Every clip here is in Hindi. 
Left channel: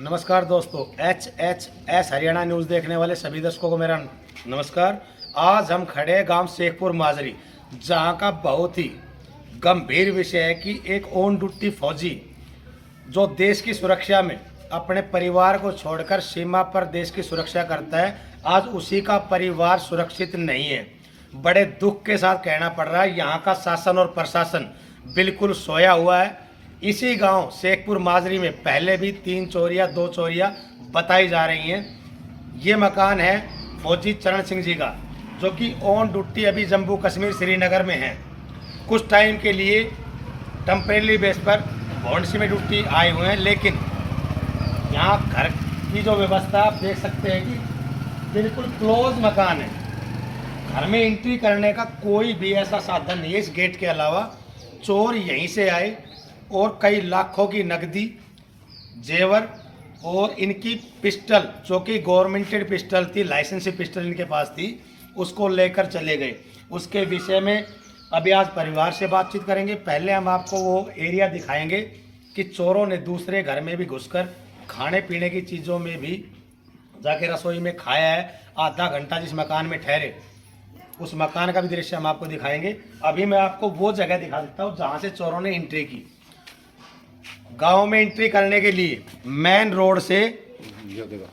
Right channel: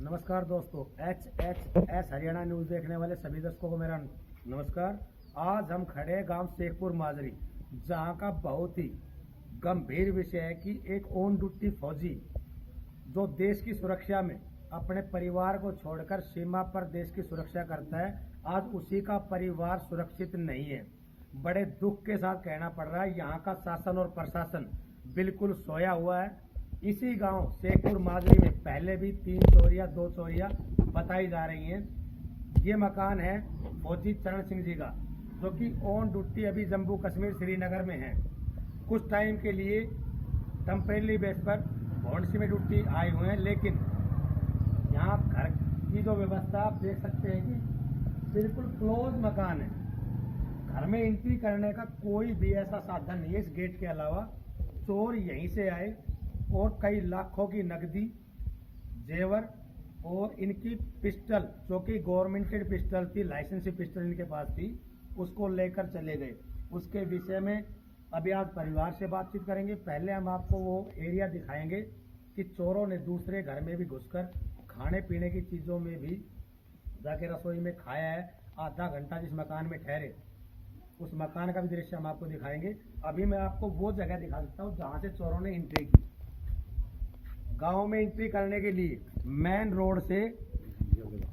नमस्कार दोस्तों, HHS हरियाणा न्यूज़ देखने वाले सभी दर्शकों को मेरा नमस्कार। आज हम खड़े हैं गांव शेखपुर माजरी, जहां का बहुत ही गंभीर विषय है कि एक ऑन ड्यूटी फौजी जो देश की सुरक्षा में अपने परिवार को छोड़कर सीमा पर देश की सुरक्षा करता है, आज उसी का परिवार सुरक्षित नहीं है। बड़े दुख के साथ कहना पड़ रहा है, यहाँ का शासन और प्रशासन बिल्कुल सोया हुआ है। इसी गांव शेखपुर माजरी में पहले भी 3 चोरियां 2 चोरियां बताई जा रही हैं। ये मकान है फौजी चरण सिंह जी का, जो कि ऑन ड्यूटी अभी जम्मू कश्मीर श्रीनगर में है। कुछ टाइम के लिए टेम्परेरी बेस पर भौंडसी में ड्यूटी आए हुए हैं, लेकिन यहाँ घर की जो व्यवस्था आप देख सकते हैं कि बिल्कुल क्लोज मकान है। घर में एंट्री करने का कोई भी ऐसा साधन नहीं है इस गेट के अलावा। चोर यहीं से आए और कई लाखों की नकदी, जेवर और इनकी पिस्टल, जो कि गवर्नमेंटेड पिस्टल थी, लाइसेंसी पिस्टल इनके पास थी, उसको लेकर चले गए। उसके विषय में अभी आज परिवार से बातचीत करेंगे। पहले हम आपको वो एरिया दिखाएंगे कि चोरों ने दूसरे घर में भी घुसकर खाने पीने की चीज़ों में भी जाके रसोई में खाया है। आधा घंटा जिस मकान में ठहरे, उस मकान का भी दृश्य हम आपको दिखाएंगे। अभी मैं आपको वो जगह दिखा देता हूँ जहाँ से चोरों ने एंट्री की। गांव में एंट्री करने के लिए मेन रोड से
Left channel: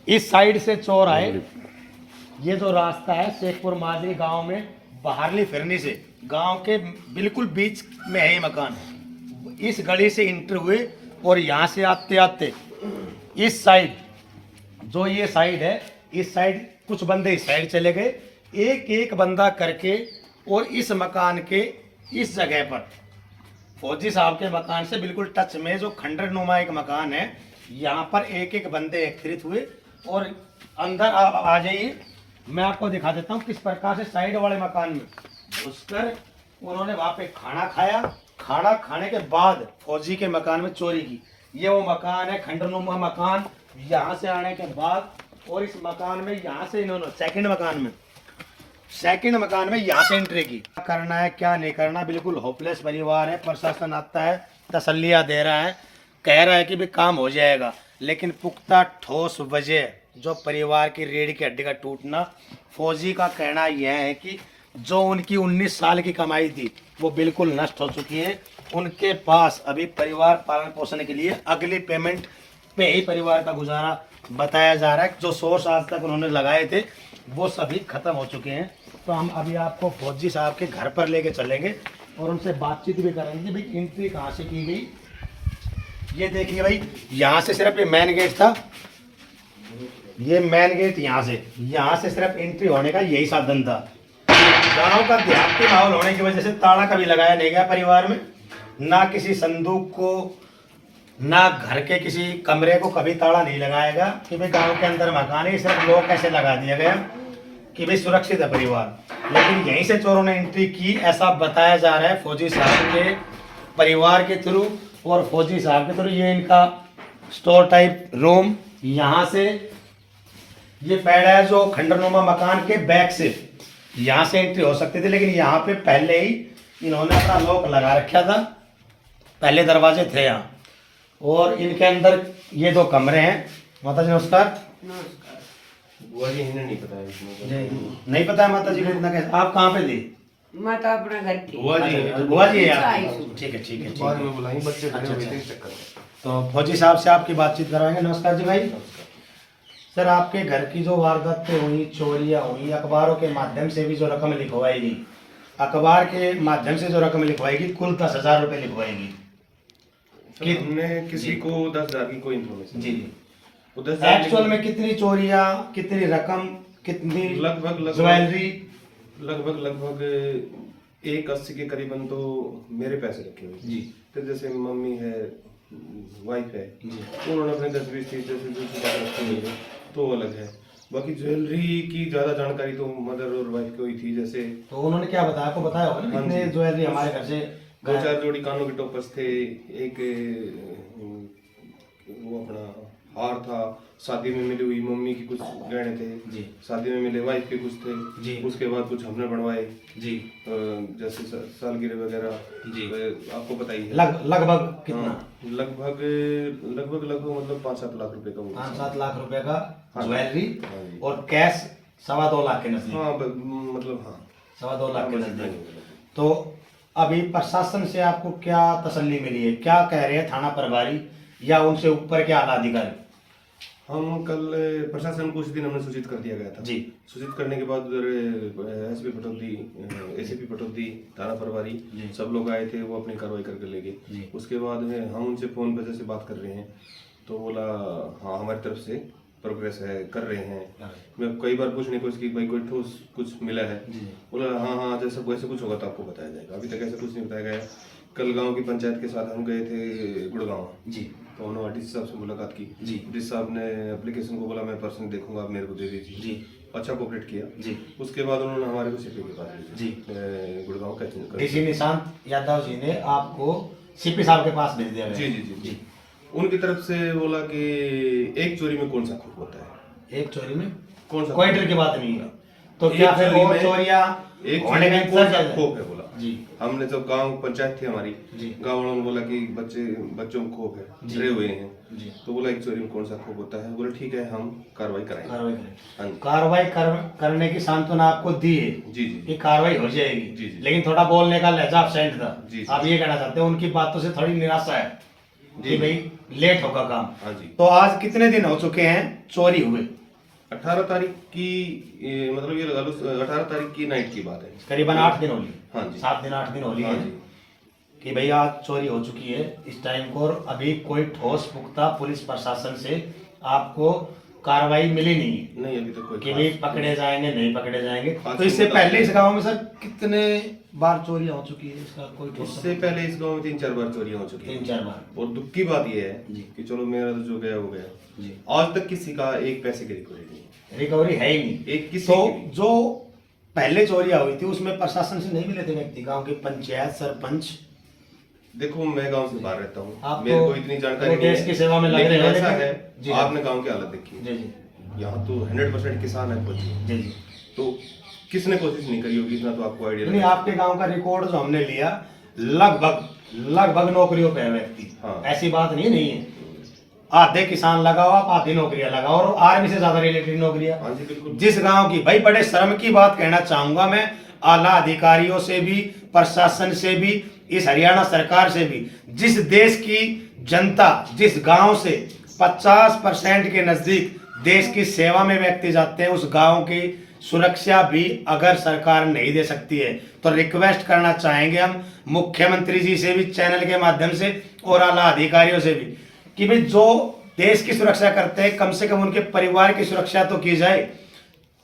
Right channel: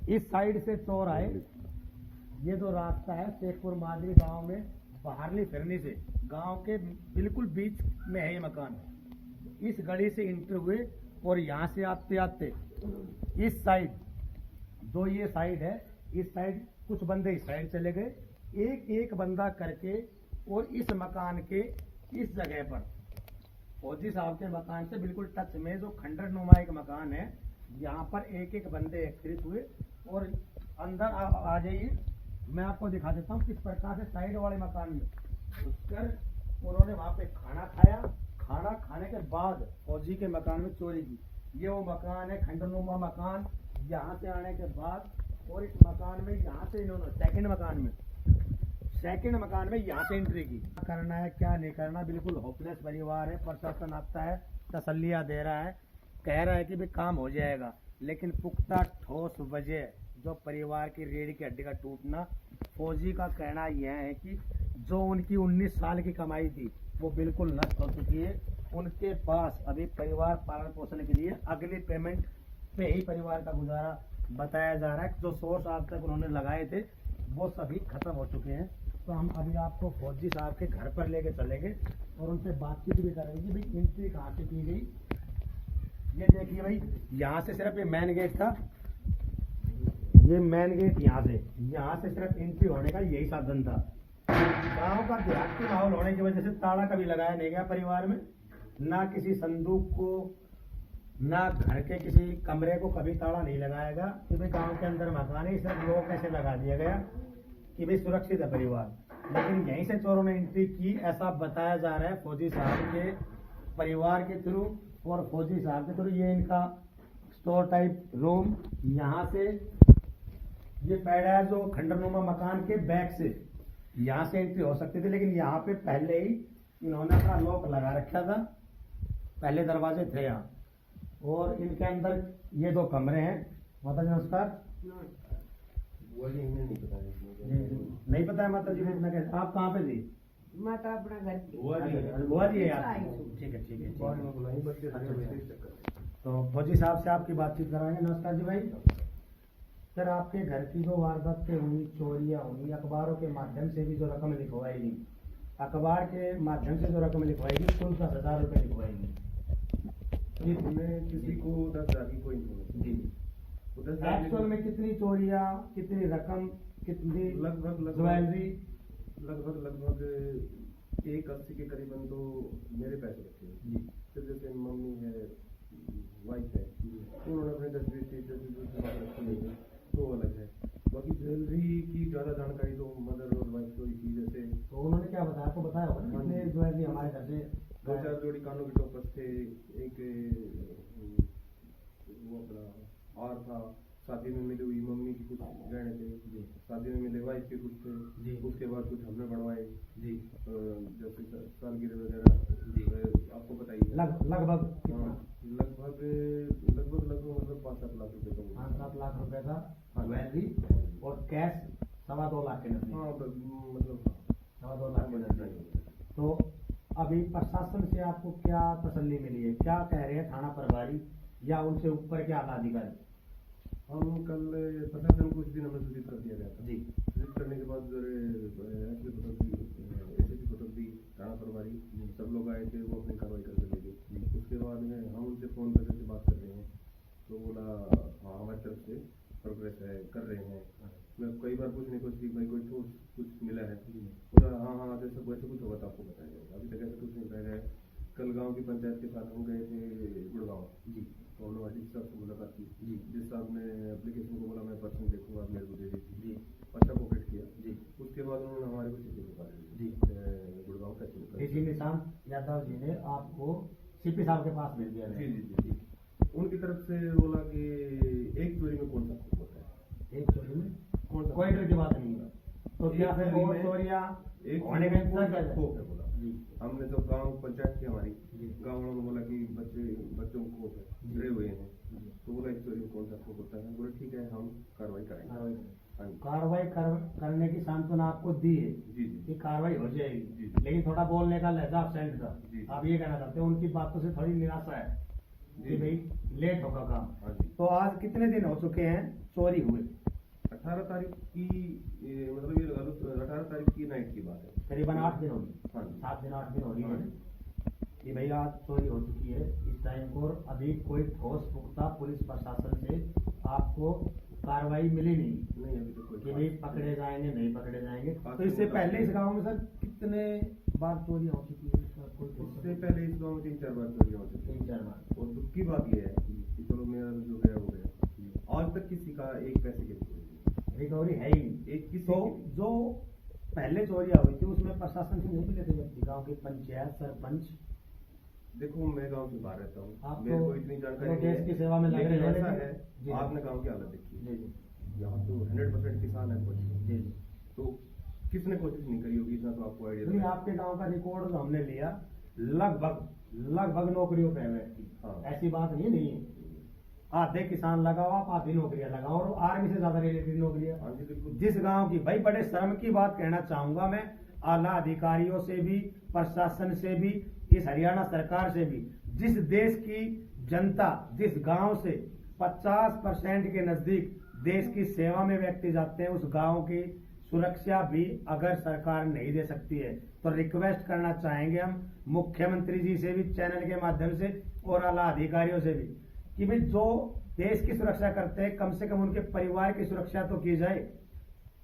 इस साइड से चोर आए। ये जो रास्ता है शेखपुर माजरी गांव में बाहरली फिरनी से गांव के बिल्कुल बीच में है ये मकान। इस गली से एंटर हुए और यहाँ से आते आते इस साइड, जो ये साइड है, इस साइड कुछ बंदे इस साइड चले गए, एक एक बंदा करके, और इस मकान के इस जगह पर फौजी साहब के मकान से बिल्कुल टच में जो खंडर नुमा एक मकान है, यहाँ पर एक एक बंदे एकत्रित हुए और अंदर आ जाइए। मैं आपको दिखा देता हूँ किस प्रकार से साइड वाले मकान में घुसकर उन्होंने वहाँ पे खाना खाया। खाना खाने के बाद फौजी के मकान में चोरी की। ये वो मकान है, खंडर नुमा मकान। यहाँ से आने के बाद और इस मकान में यहाँ से इन्होंने सेकंड मकान में यहाँ से एंट्री की। क्या करना है क्या नहीं करना, बिल्कुल होपलेस परिवार है। प्रशासन आता है, तसल्लियाँ दे रहा है, कह रहा है कि भी काम हो जाएगा, लेकिन पुख्ता ठोस वजह जो परिवार की रीढ़ की हड्डी का टूटना। फौजी का कहना यह है कि जो उनकी 19 साल की कमाई थी वो बिल्कुल नष्ट हो चुकी है। उनके पास अभी परिवार पालन पोषण के लिए अगली पेमेंट पे ही परिवार का गुजारा बताया जा रहा है। जो सोर्स आज तक उन्होंने लगाए थे वो सभी खत्म हो चुके हैं। तो हम अभी आपको फौजी साहब के घर पर लेके चलेंगे और उनसे बातचीत भी करेंगे। भाई एंट्री कहाँ से की गई, ये देखिए भाई, यहाँ से सिर्फ ये मेन गेट था। ये मेन गेट यहाँ से सिर्फ एंट्री होने का यही साधन था। गांव का देहाती माहौल होने की वजह से ताला कभी लगाया नहीं गया परिवार में, ना किसी संदूक को, ना घर के किसी कमरे को कभी ताला नहीं लगाएगा कि भाई गांव के अंदर मकान है। सिर्फ लोग कैसे लगा दिया गया कि भाई सुरक्षित है परिवार, लेकिन यहीं से चोरों ने एंट्री की, ऐसा बताया जा रहा है फौजी साहब के परिवार के थ्रू और फौजी साहब के थ्रू। ये इनका स्टोर टाइप रूम, यहाँ से ये पैड है जो खंडरनुमा मकान के बैक से यहाँ से एंट्री हो सकती थी, लेकिन यहाँ पे पहले ही इन्होंने अपना लॉक लगा रखा था। पहले दरवाजे थे यहाँ, और इनके अंदर ये 2 कमरे हैं। माता जी नमस्कार। बुआ जी इन्हें नहीं पता है इसमें। नहीं पता है माता जी को इतना कैसे। आप कहाँ पे थे? मैं तो अपने घर की। बुआ जी बुआ जी है आप? ठीक है ठीक है ठीक बाद है। में बुलाएंगे, बच्चे अच्छा, खड़े हुए अच्छा। थे, चक्कर में। तो फौजी साहब से आपकी बातचीत कराएंगे। नमस्कार जी भाई। सर, आपके घर की जो वारदातें हुई, चोरियां हुई, अखबारों के माध्यम से भी जो रकम लिखवाएगी, अखबार के माध्यम से जो रकम लिखवाएगी, कुल 10,000 रुपये लिखवाएगी। कि हमने किसी को 10,000 की कोई इन्फॉर्मेशन जी जी। वो 10,000 एक्चुअल में कितनी चोरियां, कितनी रकम, कितनी लगभग ज्वेलरी? लगभग 180 के करीबन तो मेरे पैसे रखे हुए जी। फिर जैसे मम्मी है, वाइफ है, जी। उन्होंने अपने 10-20 चीज जैसे दूसरी बात रखी हुई है तो वो अलग है। बाकी ज्वेलरी की ज्यादा जानकारी तो मदर और वाइफ को ही थी। जैसे तो उन्होंने क्या बताया, आपको बताया होगा ना हाँ कितने जी। ज्वेलरी हमारे घर से 2-4 जोड़ी कानों के टोपर्स थे, एक वो अपना हार था, शादी में मिली हुई मम्मी की कुछ गहने थे जी शादी में मिले वाइफ के कुछ थे जी उसके बाद कुछ हमने बनवाए जी जैसे सालगिरह वगैरह जी। आपको बताइए लगभग कितना? लगभग लगभग मतलब 5-7 लाख रुपए का वो 5-7 लाख रुपए का हाँ। ज्वेलरी हाँ जी। और कैश 2.25 लाख के नजदीक। हाँ मतलब हाँ 2.25 लाख के हाँ, नजदीक। तो अभी प्रशासन से आपको क्या तसल्ली मिली है, क्या कह रहे हैं थाना प्रभारी या उनसे ऊपर के आला अधिकारी? हम कल प्रशासन को उस दिन हमने सूचित कर दिया गया था जी। सूचित करने के बाद उधर एसपी पटौदी एसीपी पटौदी थाना प्रभारी जी। सब लोग आए थे, वो अपनी कार्रवाई करके ले जी। गए। उसके बाद में हम उनसे फोन पर जैसे बात कर रहे हैं तो बोला हाँ हमारी तरफ से प्रोग्रेस है, कर रहे हैं। मैं कई बार पूछने की कोशिश की भाई कोई ठोस कुछ मिला है, जी। बोला हाँ जैसा वैसे कुछ होगा तो आपको बताया जाएगा। अभी तक ऐसा कुछ नहीं बताया गया। कल गांव की पंचायत के साथ हम गए थे गुड़गांव, जी तो उन्होंने डीसी साहब से मुलाकात की। जी। डीसी साहब ने एप्लीकेशन को बोला मैं पर्सनली देखूंगा, आप मेरे को दे दीजिए। जी। अच्छा कोऑपरेट किया। जी। उसके बाद उन्होंने हमारे को सीपी के पास जी। गुड़गांव का डीसी निशांत यादव जी ने आपको सीपी साहब के पास भेज दिया जी गया। जी जी जी। उनकी तरफ से बोला कि एक चोरी में कौन सा खूब होता है, एक चोरी में कौन सा कोई डर की बात नहीं है, तो एक क्या फिर चोरी और में- चोरियां एक होने का चोरी में कौन सा इंतजार खौफ है बोला। जी। हमने जब गांव पंचायत थी हमारी, जी। गांव वालों ने बोला कि बच्चों में खौफ है, जी। डरे हुए हैं। जी। तो बोला एक चोरी में कौन सा खौफ होता है, बोले ठीक है हम कार्रवाई कराएंगे। कार्रवाई करें। हाँ जी। कार्रवाई करने की सांत्वना आपको दी है जी जी कि कार्रवाई हो जाएगी। जी, जी। लेकिन थोड़ा बोलने का लहजा absent था। जी, जी। आप ये कहना चाहते हैं उनकी बातों से थोड़ी निराशा है जी। कि भाई लेट होगा काम। हाँ जी। तो आज कितने दिन हो चुके हैं चोरी हुए? 18 तारीख की मतलब ये लगा लो 18 तारीख की नाइट की बात है। करीबन 8 दिन हो लिए। हाँ जी। 7 दिन 8 दिन हो लिए हाँ हैं जी। कि भाई आज चोरी हो चुकी है इस टाइम को, और अभी कोई ठोस पुख्ता पुलिस प्रशासन से आपको कार्रवाई मिली नहीं है नहीं अभी तक कोई कि भाई पकड़े जाएंगे नहीं पकड़े जाएंगे। आज तो इससे से पहले इस गांव में सर कितने बार चोरी हो चुकी है, इसका कोई ठोस इससे पहले इस गांव में 3-4 बार चोरियां हो चुकी हैं। 3-4 बार। और दुख की बात यह है जी। कि चलो मेरा तो जो गया वो गया, जी। आज तक किसी का एक पैसे की रिकवरी नहीं। रिकवरी है ही नहीं। एक किसी तो की भी। जो पहले चोरियां हुई थी उसमें प्रशासन से नहीं मिले थे व्यक्ति, गांव के पंचायत सरपंच? देखो मैं गांव से बाहर रहता हूँ, आप मेरे तो को इतनी जानकारी वो देश नहीं की सेवा में लग लेकिन रहे हैं, ऐसा लेकिन- है जी। आपने गांव की हालत देखी है। जी जी यहाँ तो 100% किसान है खुद, जी जी। तो किसने कोशिश नहीं करी होगी, इतना तो आपको आइडिया नहीं, आपके गांव का रिकॉर्ड जो हमने लिया लगभग नौकरियों पे है व्यक्ति। हाँ। ऐसी बात नहीं है। आधे किसान लगाओ आप, आधी नौकरियां लगाओ, और आर्मी से ज्यादा रिलेटेड नौकरियां। हाँ जी बिल्कुल। जिस गांव की, भाई बड़े शर्म की बात कहना चाहूंगा मैं आला अधिकारियों से भी, प्रशासन से भी, इस हरियाणा सरकार से भी, जिस देश की जनता जिस गांव से 50% के नजदीक देश की सेवा में व्यक्ति जाते हैं, उस गांव की सुरक्षा भी अगर सरकार नहीं दे सकती है तो रिक्वेस्ट करना चाहेंगे हम मुख्यमंत्री जी से भी, चैनल के माध्यम से, और आला अधिकारियों से भी, कि भाई जो देश की सुरक्षा करते हैं कम से कम उनके परिवार की सुरक्षा तो की जाए,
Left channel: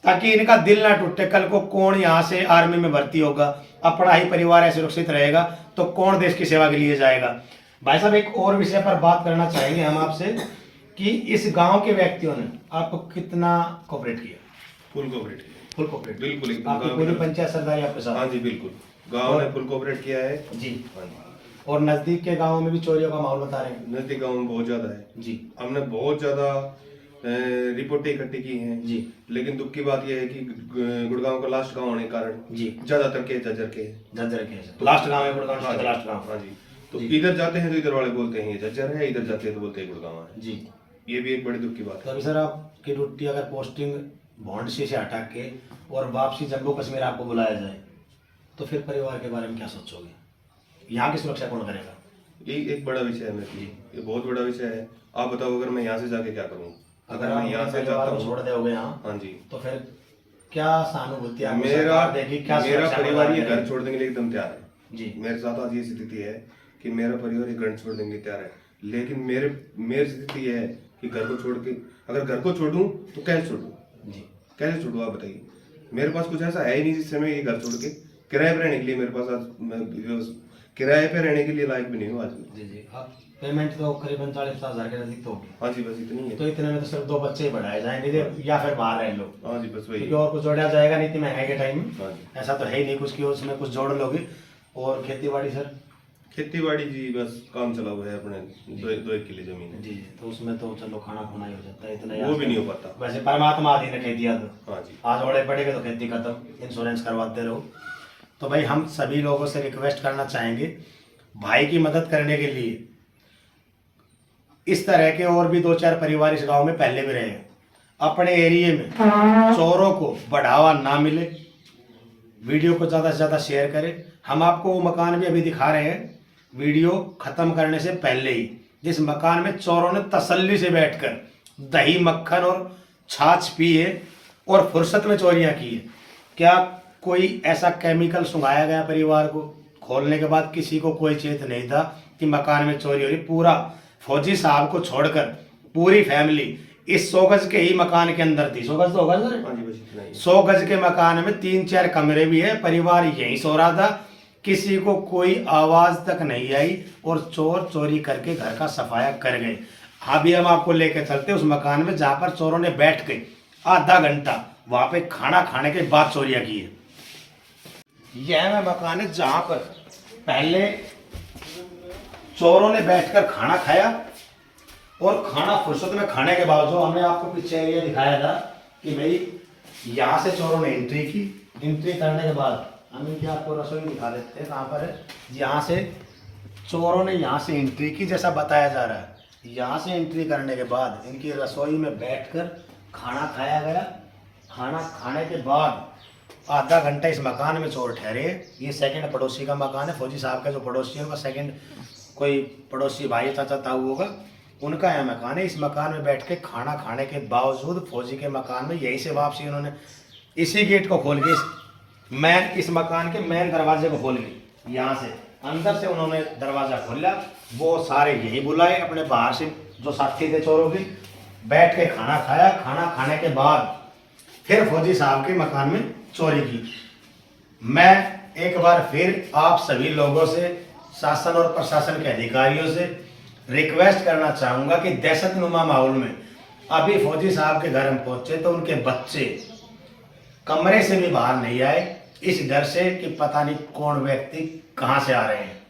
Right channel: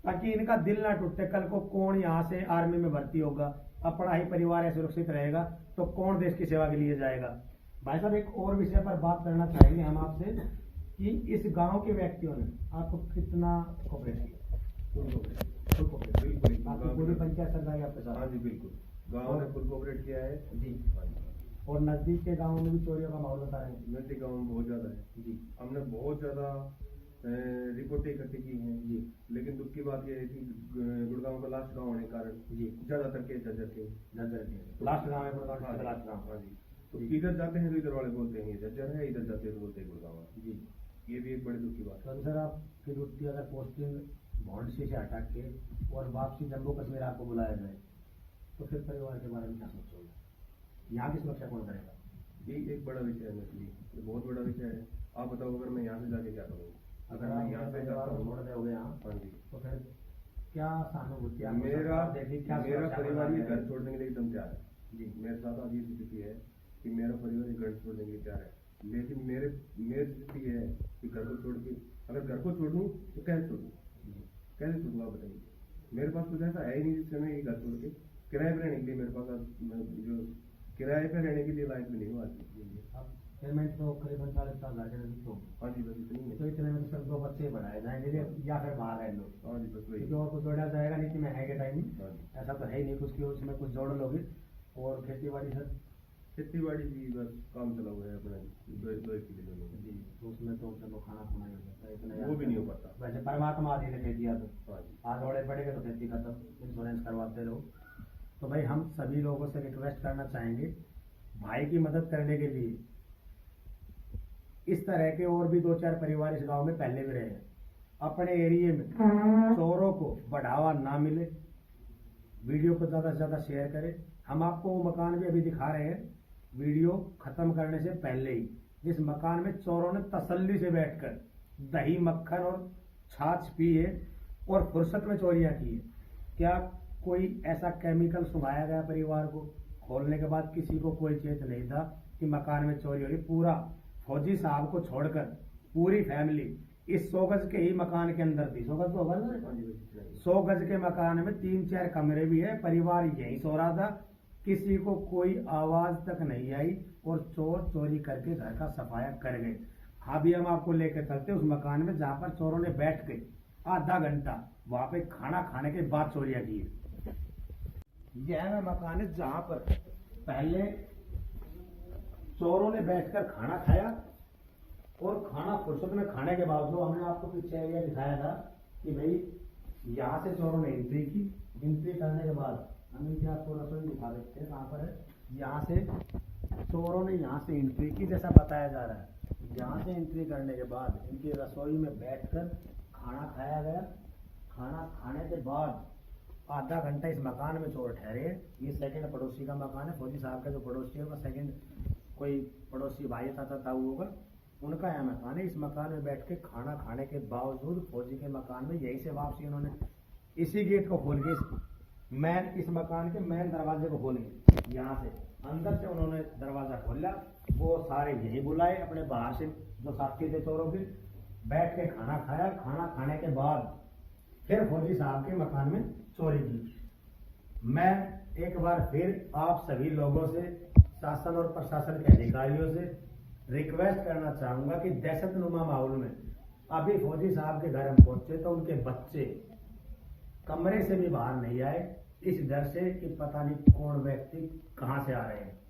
ताकि इनका दिल ना टूटे। कल को कौन यहाँ से आर्मी में भर्ती होगा, अपना ही परिवार सुरक्षित रहेगा तो कौन देश की सेवा के लिए जाएगा। भाई साहब एक और विषय पर बात करना चाहेंगे हम आपसे कि इस गांव के व्यक्तियों ने आपको कितना कोऑपरेट किया? Full cooperate full cooperate. बिल्कुल एकदम आपकी गाँव पूरी में- पंचायत सरदारी आपके हाँ साथ? जी बिल्कुल, गांव ने फुल कोऑपरेट किया है। जी। हाँ जी। और नजदीक के गांव में भी चोरियों का माहौल बता रहे हैं? नजदीक गांव में बहुत ज्यादा है जी हमने बहुत ज्यादा रिपोर्टें इकट्ठी की हैं जी लेकिन दुख की बात यह है कि गुड़गांव का लास्ट गांव होने के कारण जी। ज्यादातर के झज्जर के हैं। झज्जर के लास्ट गांव है गुड़गांव हाँ का जी, लास्ट गांव। हाँ जी। तो जी। इधर जाते हैं तो इधर वाले बोलते हैं ये झज्जर है, इधर जाते हैं तो बोलते हैं गुड़गांव है। जी। ये भी एक बड़ी दुख की बात तो है। अभी सर आपकी ड्यूटी अगर पोस्टिंग भौंडसी से हटा के और वापसी जम्मू कश्मीर आपको बुलाया जाए तो फिर परिवार के बारे में क्या सोचोगे? यहाँ की सुरक्षा कौन करेगा? ये एक बड़ा विषय है मेरे लिए, ये बहुत बड़ा विषय है। आप बताओ अगर मैं यहाँ से जाके क्या करूँ, अगर अगर आप मैं यहाँ से परिवार जाता को छोड़ हूँ। दोगे यहाँ हाँ जी। तो फिर क्या सहानुभूति आपको मेरा सरकार देगी, क्या मेरा सुरक्षा परिवार प्रदान ये घर करेगी? छोड़ने के लिए एकदम तैयार है। जी मेरे साथ आज ये स्थिति है कि मेरा परिवार ये घर छोड़ने के लिए तैयार है, लेकिन मेरी स्थिति ये है कि घर को छोड़ के, अगर घर को छोड़ूं तो कैसे छोड़ूं, जी कैसे छोड़ूं आप बताइए। मेरे पास कुछ ऐसा है ही नहीं जिससे मैं ये घर छोड़ के किराए पे रहने के लिए, मेरे पास आज मैं किराए पे रहने के लिए लायक भी नहीं हूँ आज मैं। जी जी। अब पेमेंट तो करीबन 40-50 हज़ार के नजदीक तो होगी। हाँ जी बस इतनी है। तो इतने में तो सिर्फ 2 बच्चे ही बढ़ाए जाएंगे या फिर बाहर रह लो, हाँ जी बस वही। क्योंकि और कुछ जोड़ा जाएगा नहीं इतनी महंगाई के टाइम में। हाँ जी। ऐसा तो है ही नहीं कुछ कि उसमें कुछ जोड़ लोगे। और खेती बाड़ी सर? खेती बाड़ी जी बस काम चला हुआ है अपने 2 किले जमीन है। जी जी, तो उसमें तो चलो खाना खुना ही हो जाता है इतना वो याद भी नहीं हो पाता। वैसे परमात्मा आदि ने कह दिया तो हाँ जी। आज ओड़े पड़ेगा तो खेती खत्म, इंश्योरेंस करवाते रहो। तो भाई हम सभी लोगों से रिक्वेस्ट करना चाहेंगे, भाई की मदद करने के लिए इस तरह के और भी 2-4 परिवार इस गांव में पहले भी रहे हैं। अपने एरिया में चोरों को बढ़ावा ना मिले, वीडियो को ज़्यादा से ज़्यादा शेयर करें। हम आपको वो मकान भी अभी दिखा रहे हैं वीडियो खत्म करने से पहले ही, जिस मकान में चोरों ने तसल्ली से बैठकर दही मक्खन और छाछ पी है और फुर्सत में चोरियां की है। क्या कोई ऐसा केमिकल सुंघाया गया परिवार को? खोलने के बाद किसी को कोई चेत नहीं था कि मकान में चोरी हो रही। पूरा फौजी साहब को छोड़कर पूरी फैमिली इस 100 गज के ही मकान के अंदर थी। 100 गज तो होगा सर? हाँ जी बस इतना ही। 100 गज के मकान में 3-4 कमरे भी है, परिवार यहीं सो रहा था, किसी को कोई आवाज तक नहीं आई और चोर चोरी करके घर का सफाया कर गए। अभी हम आपको लेकर चलते उस मकान में जहां पर चोरों ने बैठ के आधा घंटा वहां पे खाना खाने के बाद चोरियां की है। यह वह मकान है जहां पर पहले चोरों ने बैठकर खाना खाया और खाना फुर्सत में खाने के बावजूद हमने आपको पीछे एरिया दिखाया था कि भाई यहाँ से चोरों ने एंट्री की। एंट्री करने के बाद हम इनकी आपको रसोई दिखा देते हैं कहाँ पर है। यहाँ से चोरों ने यहाँ से एंट्री की जैसा बताया जा रहा है। यहाँ से एंट्री करने के बाद इनकी रसोई में बैठकर खाना खाया गया। खाना खाने के बाद आधा घंटा इस मकान में चोर ठहरे। ये सेकंड पड़ोसी का मकान है, फौजी साहब का जो पड़ोसी है उनका सेकंड कोई पड़ोसी भाई चाचा ताऊ होगा, उनका यह मकान है। इस मकान में बैठ के खाना खाने के बावजूद फौजी के मकान में यहीं से वापसी उन्होंने इसी गेट को खोल के इस मकान के मेन दरवाजे को खोल के यहाँ से अंदर से उन्होंने दरवाजा खोला। वो सारे यही बुलाए अपने बाहर से जो साथी थे चोरों के, बैठ के खाना खाया। खाना खाने के बाद फिर फौजी साहब के मकान में चोरी की। मैं एक बार फिर आप सभी लोगों से, शासन और प्रशासन के अधिकारियों से रिक्वेस्ट करना चाहूंगा कि दहशतनुमा माहौल में अभी फौजी साहब के घर हम पहुंचे तो उनके बच्चे कमरे से भी बाहर नहीं आए, इस डर से कि पता नहीं कौन व्यक्ति कहां से आ रहे हैं।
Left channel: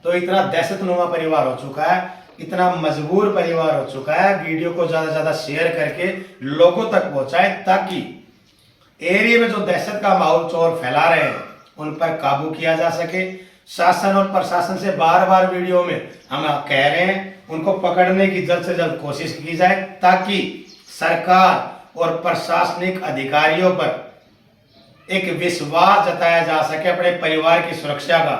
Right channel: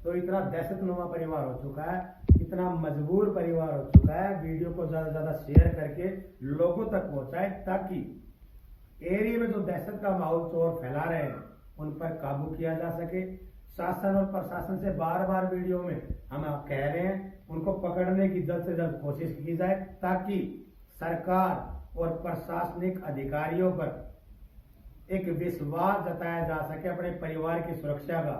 तो इतना दहशतनुमा परिवार हो चुका है, इतना मजबूर परिवार हो चुका है। वीडियो को ज्यादा से ज्यादा शेयर करके लोगों तक पहुंचाए ताकि एरिया में जो दहशत का माहौल चोर फैला रहे हैं उन पर काबू किया जा सके। शासन और प्रशासन से बार बार वीडियो में हम कह रहे हैं उनको पकड़ने की जल्द से जल्द कोशिश की जाए ताकि सरकार और प्रशासनिक अधिकारियों पर एक विश्वास जताया जा सके अपने परिवार की सुरक्षा का।